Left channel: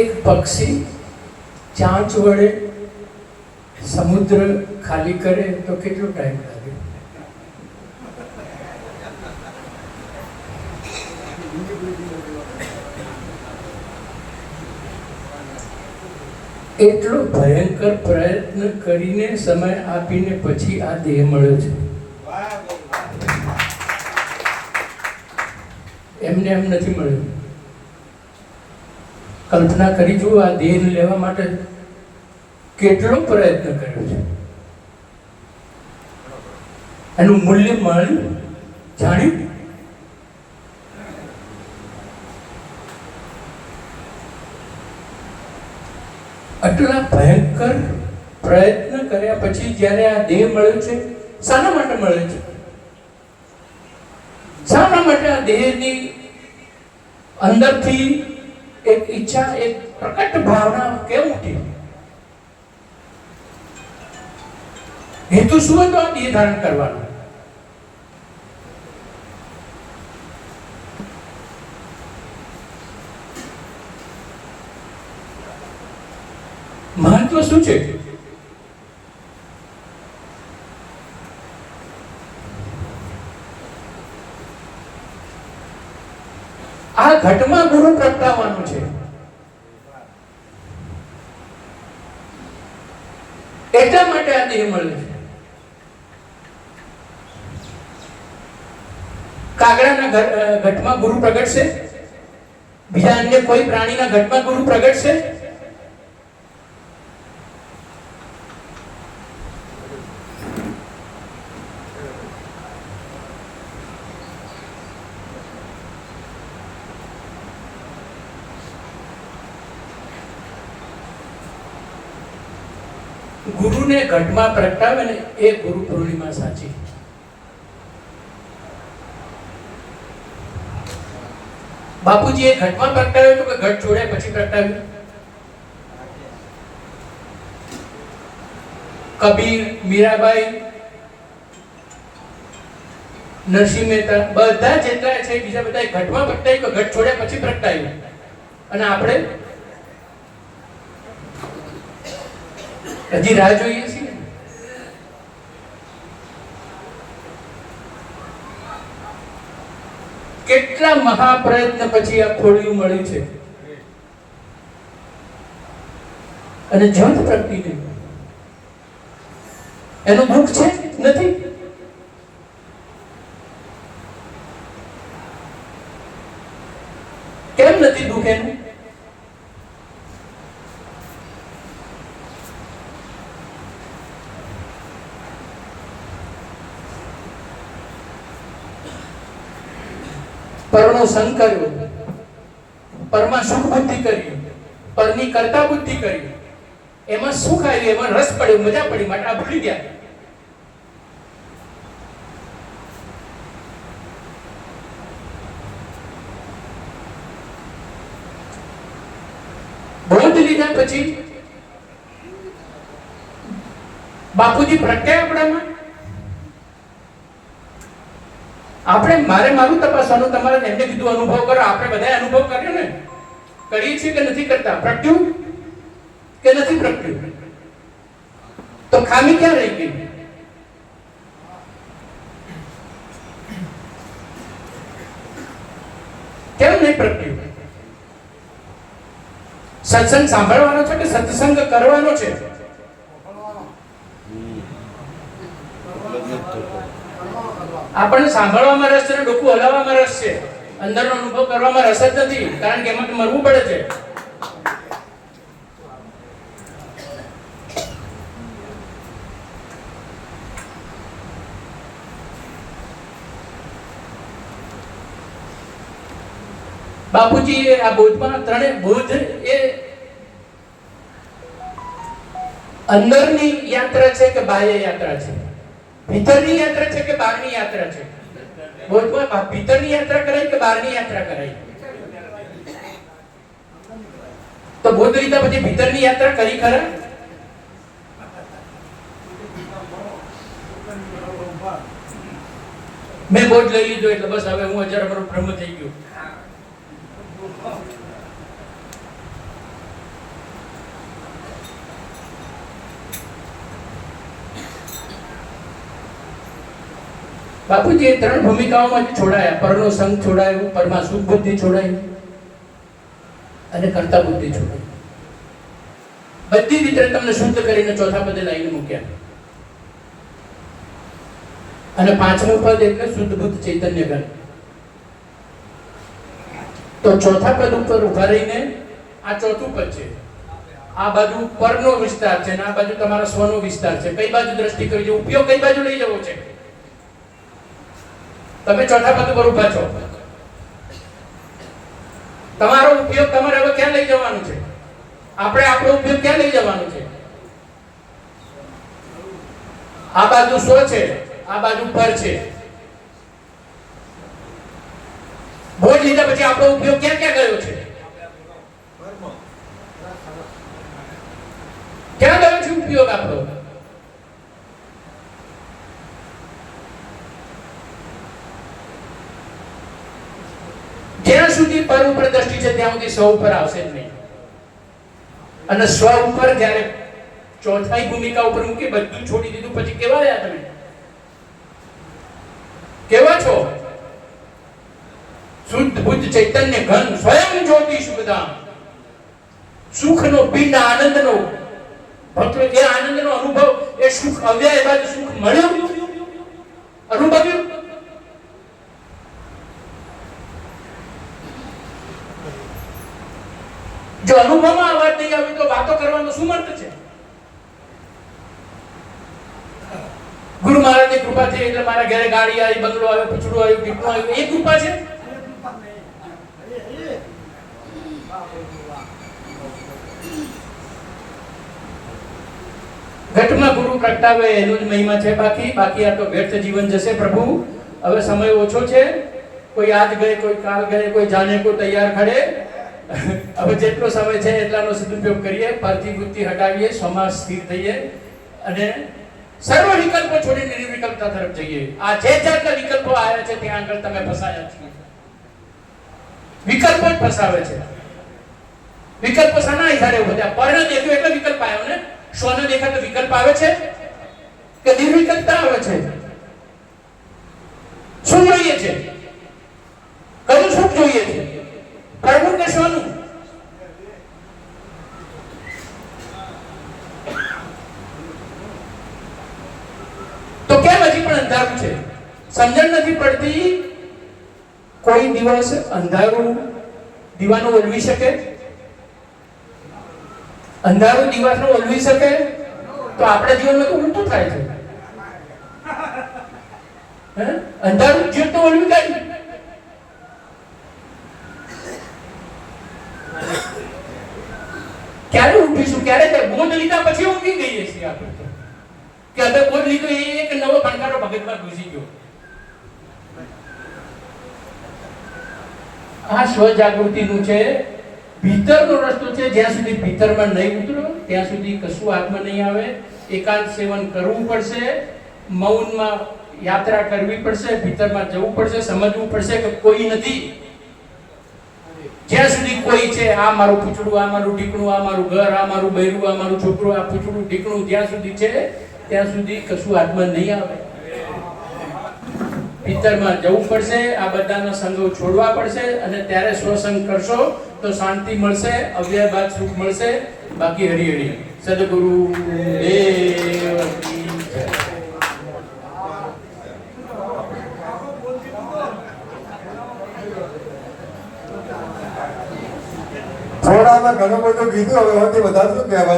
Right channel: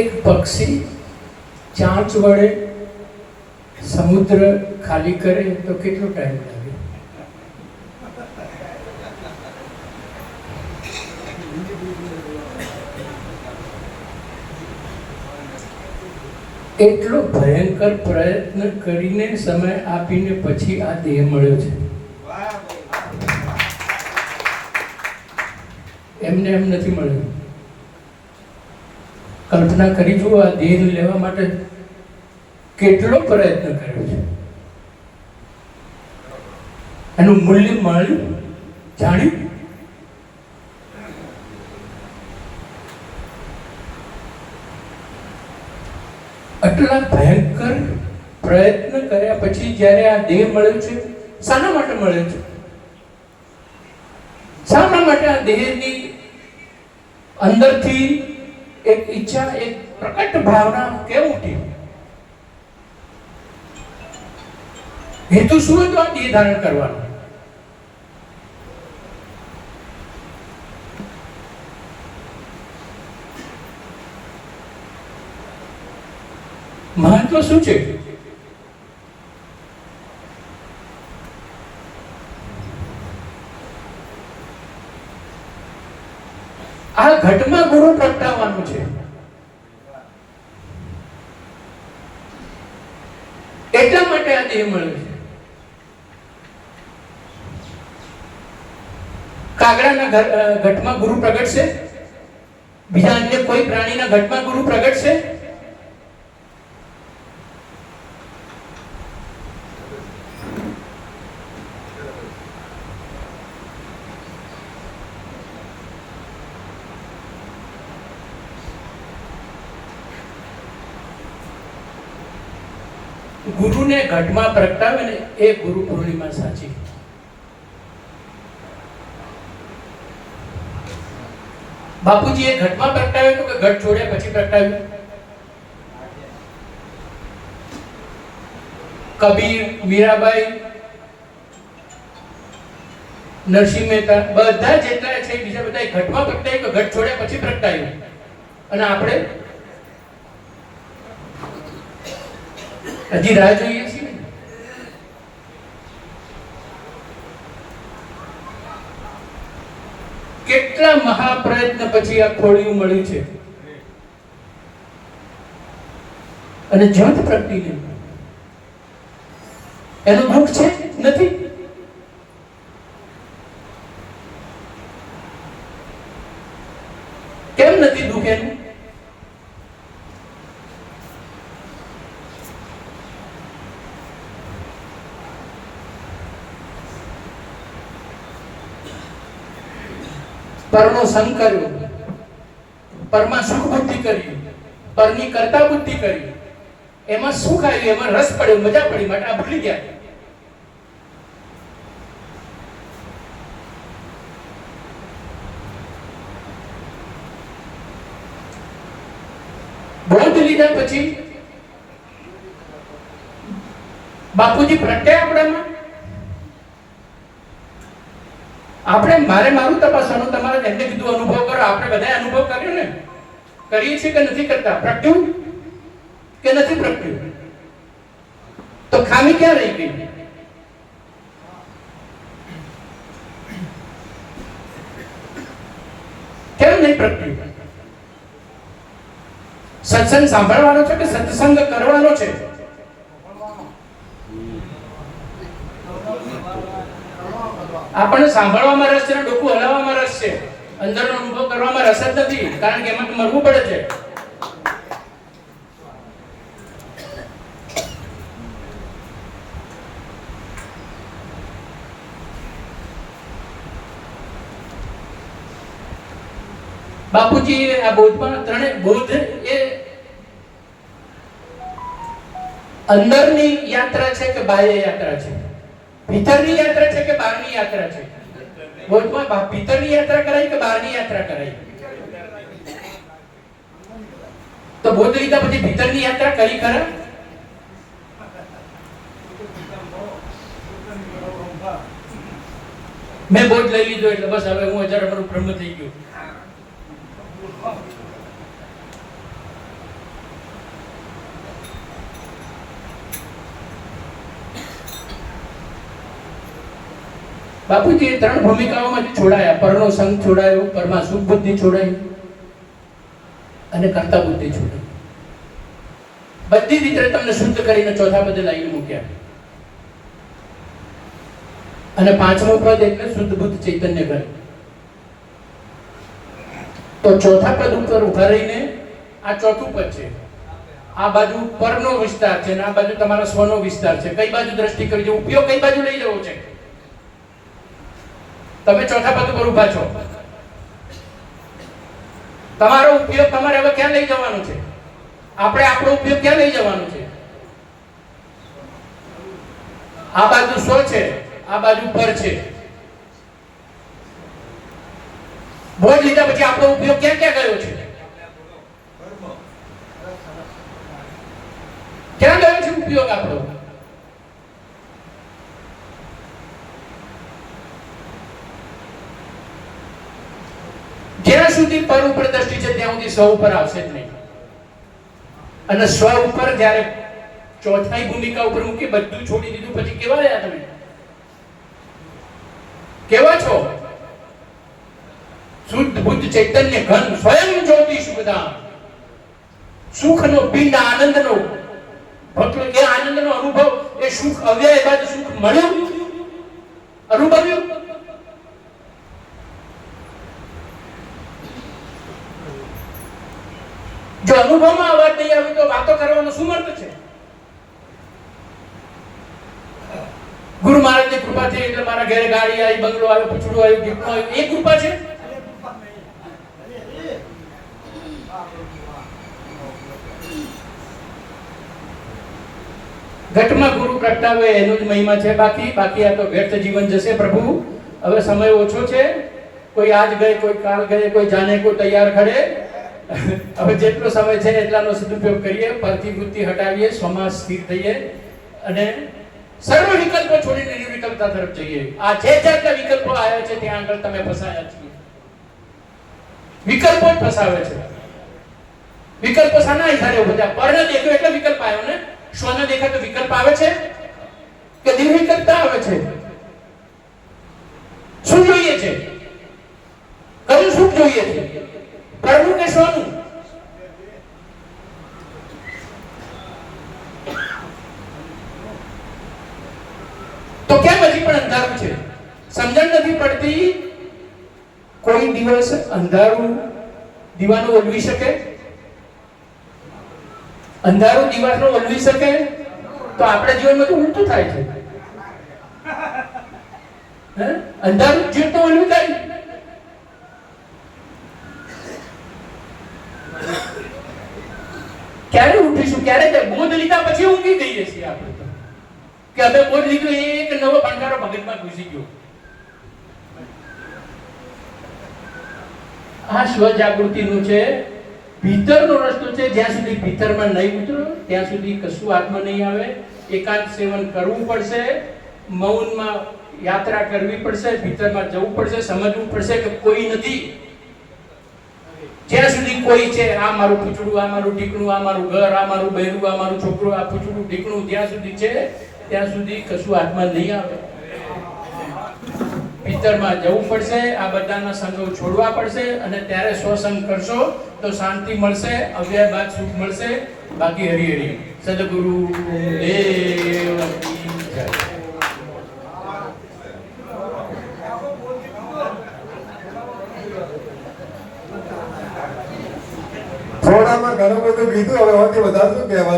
એક પક્ષી ચાંચ વડે સમુદ્ર ખાલી કરે તો કેટલો ટાઈમ લાગે? એટલો ભયંકર પ્રયત્ન કરીને સમય આપીને પછી આ દેહ મળ્યો છે. એમને એમ નથી મળ્યો. કલ્પના કરી જુઓ, આ દેહ લેવા માટે કેટલો પ્રયત્ન કર્યો છે. એનું મૂલ્ય મળ્યું, જાણ્યું. આટલા ભયંકર પ્રયત્ન કર્યા પછી જ્યારે આ દેહ મળ્યો છે, શાના માટે મળ્યો છે? શાના માટે આ દેહની અંદરથી એક ઈચ્છા, એક પ્રકટ ભાવના કેમ ઉઠી? હેતુ શું હતો આ દેહ ધારણ કરવાનો? મહત્વ શું છે? આ ઘટમાં ગુરુ પ્રગટાવવાનું છે. એટલા માટે આ દેહ મળ્યો છે. કાગડાના ઘટમાં ગુરુ પ્રગટશે? બીજા અન્ય કોઈ પ્રાણીના ઘટમાં ગુરુ પ્રગટશે? ગુરુને ઘટમાં પ્રગટાવે ને એ ગુરુ પૂર્ણિમા સાચી. બાપુજી એ ઘટમાં પ્રગટાવ્યું તો કે ઘટ છોડ્યા પછી પ્રગટાવ્યું? કબીર, મીરાબાઈ, નરસિંહ મહેતા બધા જેટલા છે બીજા બધા ઘટમાં પ્રગટાવ્યું કે ઘટ છોડ્યા પછી પ્રગટાવ્યું? અને આપણે હજી રાહ જોઈએ છીએ. કેટલા મહાપ્રયત્ન પછી આ ખોડિયું મળ્યું છે. અને જ્યોત પ્રગટીને એનું દુઃખ છે? નથી. કેમ નથી દુઃખ એનું? પરનો સંગ કર્યો, પરમાં સુખ બુદ્ધિ કરી, પરની કરતા બુદ્ધિ કરી, એમાં સુખ આવ્યું, એમાં રસ પડ્યો, મજા પડી, માટે આ ભૂલી ગયા. બોધ લીધા પછી બાપુજી પ્રગટ્યા આપણામાં. આપણે મારું તપાસવાનું, તમારે એમને કીધું અનુભવ કરો. આપણે બધાએ અનુભવ કર્યો ને? કરીએ છીએ કે નથી કરતા? પ્રગટ્યું કે નથી પ્રગટ્યું? તો ખામી ક્યાં રહી ગઈ? કેમ નહીં પ્રગટ્યું? સત્સંગ સાંભળવાનો છે કે સત્સંગ કરવાનો છે? આપણને સાંભળવામાં રસ છે, ડોકું હલાવવામાં રસ છે, અંદરનો અનુભવ કરવામાં રસ જ નથી, કારણ કે એમાં તો મરવું પડે છે. બાપુજી આ બોધમાં ત્રણે બોધ એ અંદરની યાત્રા છે કે બાહ્ય યાત્રા છે? ભીતરની યાત્રા છે કે બહારની યાત્રા છે? બોધમાં ભીતરની યાત્રા કરાય કે બહારની યાત્રા કરાય? તો બોધ લીધા પછી ભીતરની યાત્રા કરી ખરા? મેં બોધ લઈ લીધો એટલે બસ હવે હું 1000 બ્રહ્મ થઈ ગયો. બાપુજી એ 3 ભૂમિકાઓમાંથી છોડાયા. પરનો સંગ છોડાયો, પરમાં સુખ બુદ્ધિ છોડાયું અને કર્તા બુદ્ધિ છોડાયું. બધી રીતે તમને શુદ્ધ કરીને ચોથા પદે લાવીને મૂક્યા. અને 5મું પદ એટલે શુદ્ધ બુદ્ધ ચૈતન્ય ઘર. તો ચોથા પદ ઉપર ઉભા રહીને આ ચોથું પદ છે. આ બાજુ પરનો વિસ્તાર છે અને આ બાજુ તમારા સ્વનો વિસ્તાર છે. કઈ બાજુ દ્રષ્ટિ કરજો, ઉપયોગ કઈ બાજુ લઈ જવો છે? તમે ચોથા પદ ઉપર ઉભા છો. તમારો ઉપયોગ તમારે હવે ક્યાં લઈ જવાનું છે? આપણે આપણો ઉપયોગ ક્યાં લઈ જવાનું છે? આ બાજુ સ્વ છે, આ બાજુ પર છે. બોજ લીધા પછી આપણો ઉપયોગ ક્યાં ક્યાં ગયો છે? ક્યાં ગયો છે ઉપયોગ આપણો? જ્યાં સુધી પર ઉપર દ્રષ્ટિ છે ત્યાં સુધી સ્વ ઉપર આવશે જ નહીં. અને સ્વ ઉપર જ્યારે ચોથાઈ ભૂમિકા ઉપર મૂકી બધું છોડી દીધું પછી કેવા રહ્યા તમે? કેવા છો? શુદ્ધ બુદ્ધ ચૈતન્ય ઘન સ્વયં જ્યોતિ શુભધામ. સુખનો પિંડ, આનંદનો ભક્તો એ આનંદનો અનુભવ, એ સુખ અવ્યય બાદ સુખ મળ્યું, અનુભવ્યું. જો અનુભવમાં અવાજ નહીં આવે તો વાતો કરવાનો શું અર્થ છે? ગુરુ મહારાજની કૃપાથી એટલે મારા ઘરે ગાડી આવી, બંગલો આવ્યો, પૂછડું આવ્યું, દીકરો આવ્યો, એ કૃપા છે? ઘટમાં ગુરુ પ્રગટાવે એનો જ મહિમા છે. બાકી આ તો વ્યક્ત જીવન જશે. પ્રભુ હવે સમય ઓછો છે. કોઈ આજ ગયે, કોઈ કાલ ગયે, કોઈ જાને કો તૈયાર ખડે. હવે જેટલો સમય છે એટલાનો સદુપયોગ કરીએ, પાર્થિવ વૃત્તિ હટાવીએ, સમાજ સ્થિર થઈએ અને સર્વ વિકલ્પો છોડીને નિર્વિકલ્પતા તરફ જઈએ. આ જે જાતના વિકલ્પો આવ્યા છે ત્યાં આગળ તમે ફસાયા છો. વિકલ્પો જ ફસાવે છે. વિકલ્પો શાના આધારે બધા? પરને દેખ્યું એટલે વિકલ્પ આવ્યો ને. સ્વને દેખાતો વિકલ્પ આવે છે કે નિર્વિકલ્પતા આવે છે? શું જોઈએ છે? કયું સુખ જોઈએ છે? પરનું કે સ્વનું? તો કેમ હજી પણ અંધારું છે? સમજણ નથી પડતી. કોઈ દિવસ અંધારું દીવાનું ઓલવી શકે? અંધારું દીવાનો ઓલવી શકે? તો આપણા જીવનમાં તો ઉલટું થાય છે. અંધારું જીવ તો ઓલવી કાય. ક્યારે ઉઠીશું? ક્યારે બોધ લીધા પછી ઊંઘી જઈએ છીએ આપણે તો. કે હવે બોધ લીધો એ એક નવો ભણકારો ભગતમાં ઘૂસી ગયો. આ સ્વજાગૃતિનું છે, ભીતરનો રસ્તો છે. જ્યાં સુધી ભીતરમાં નહીં ઉતરો ત્યાં સુધી કશું આત્મા નહીં આવે. એકાંત સેવન કરવું પડશે, મૌનમાં યાત્રા કરવી પડશે, ભીતરમાં જવું પડશે, સમજવું પડશે કે કોઈ નથી. જ્યાં સુધી કોઈ છે, આ મારું પૂછડું, આ મારું ઢીકણું, આ મારું ઘર, આ મારું બૈરું, આ મારું છોકરું, આ પૂછડું ઢીકણું જ્યાં સુધી છે ત્યાં સુધી કશું આત્મા નહીં આવે. ભીતરમાં જવું પડશે, આ બધાના સંગો છોડવા પડશે અને ત્યારે સ્વસંગ કરશો તો શાંતિ મળશે, અવ્યય બાદ સુખ મળશે. બાકી હરિ હરિ. સદગુરુ દેવ કી જય. થોડામાં ઘણું બધું કીધું, હવે વધારે શું કહેવાનું?